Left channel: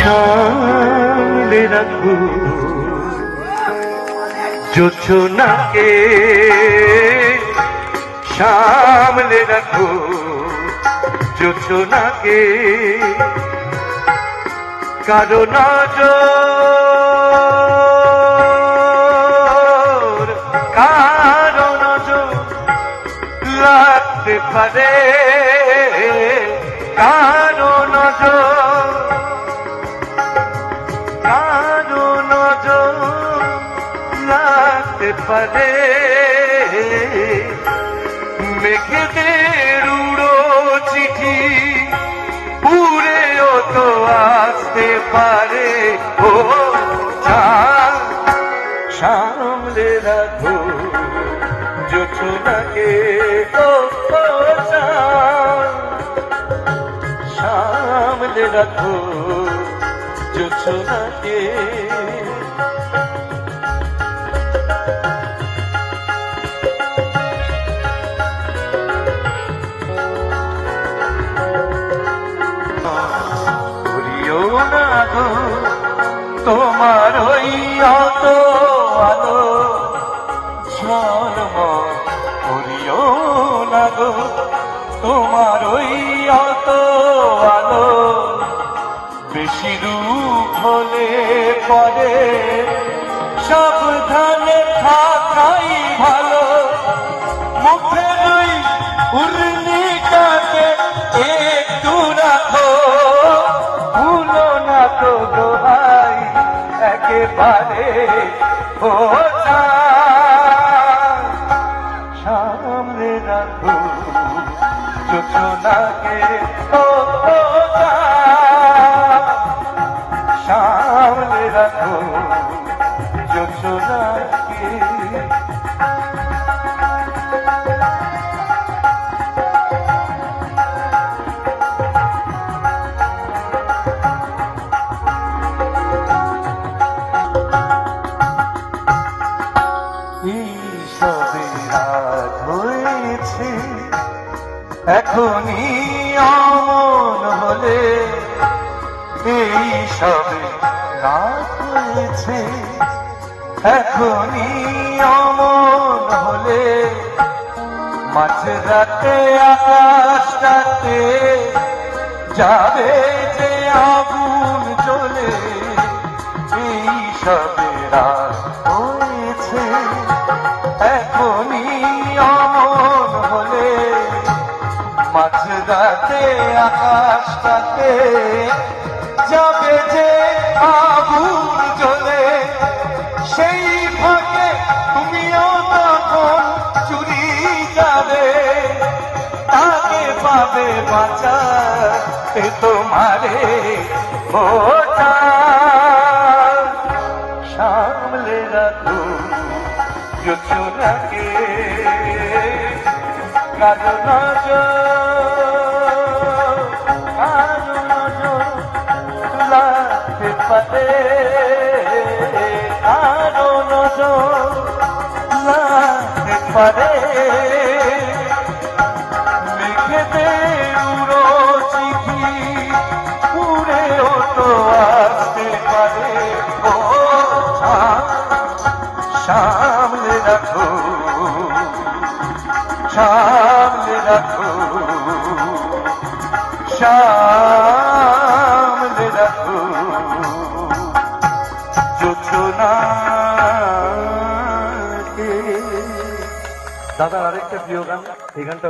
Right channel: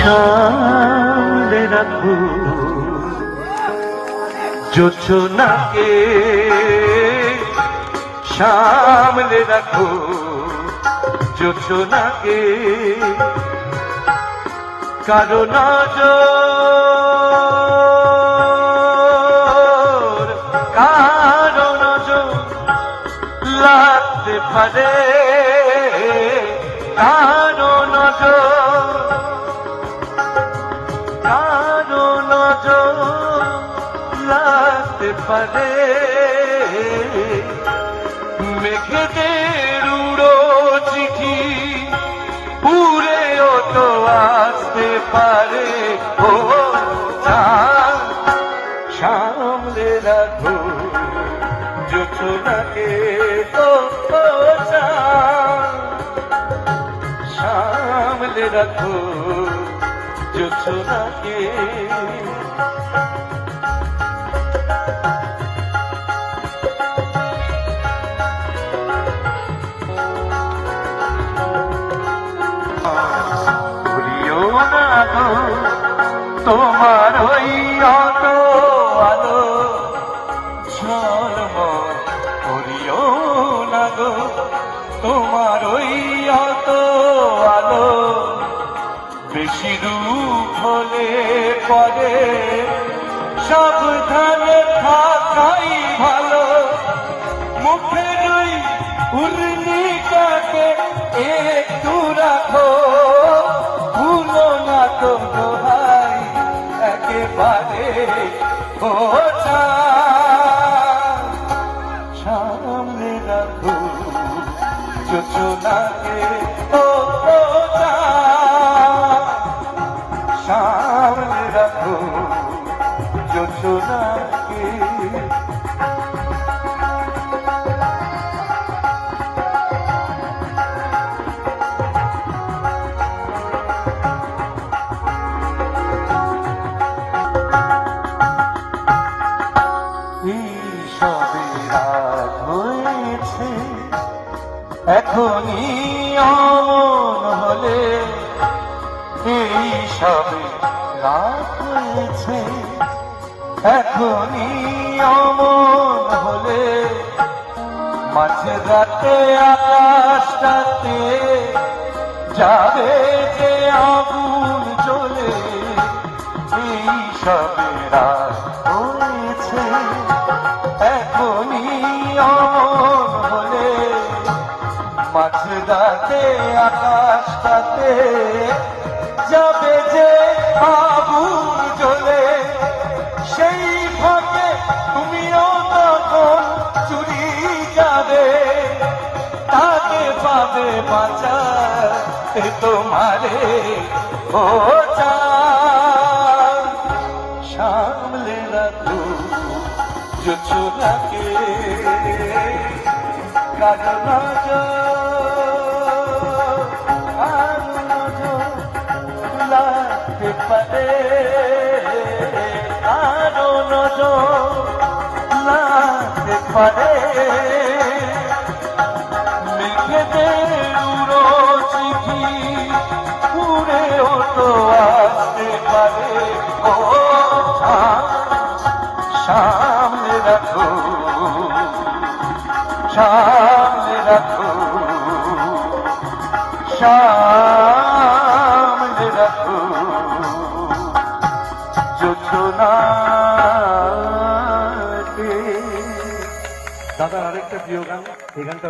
সামলে রাখো যোচনাকে, সামলে রাখো যোচনাকে, কারো নজর কারো নজর লাগতে পারে, কারো নজর লাগতে পারে, মেঘেদের উড়ো চিঠি উড়েও তো আসতে পারে। ও সামলে রাখো যোচনাকে, সামলে রাখো যোচনাকে। তোমার ওই আলো আলো ঝলমল করিও না গো, তোমার ওই আলো আলো বেশি দুঃখ হলে পরে সাবধানে থাকাই ভালো। মুখের ওই উর্মিটাকে একটু রাখো, ভুলো না তো দোহাই একেবারে। ও সামনে রাখো যোচনাকে, ও সামনে রাখো যোচনাকে। সবে রাত হয়েছে, এখনই আমন হলে, এই সবে রাত হয়েছে, এখনই আমন হলে, মাঝরাতে আকাশটাতে যাবে যে আগুন জ্বলে। এই সবে রাত হয়েছে, এখনই আমন হলে, মাঝরাতে আকাশটাতে যাবে যে আগুন জ্বলে। সেই ভাগে তুমিও তখন চুরি যাবে, তাকে পাবে বাঁচাতে তোমারে। ও সামলে রাখো যোচনাকে, কারো নজর লাগতে পারে, কারো নজর লাগতে পারে, মেঘেদের উড়ো চিঠি উড়েও তো আসতে পারে। ও সামনে রাখো, সামনে রাখো, সামনে রাখো যোচনাকে। দাদার আরেকটা প্রিয় গান, এই গানটা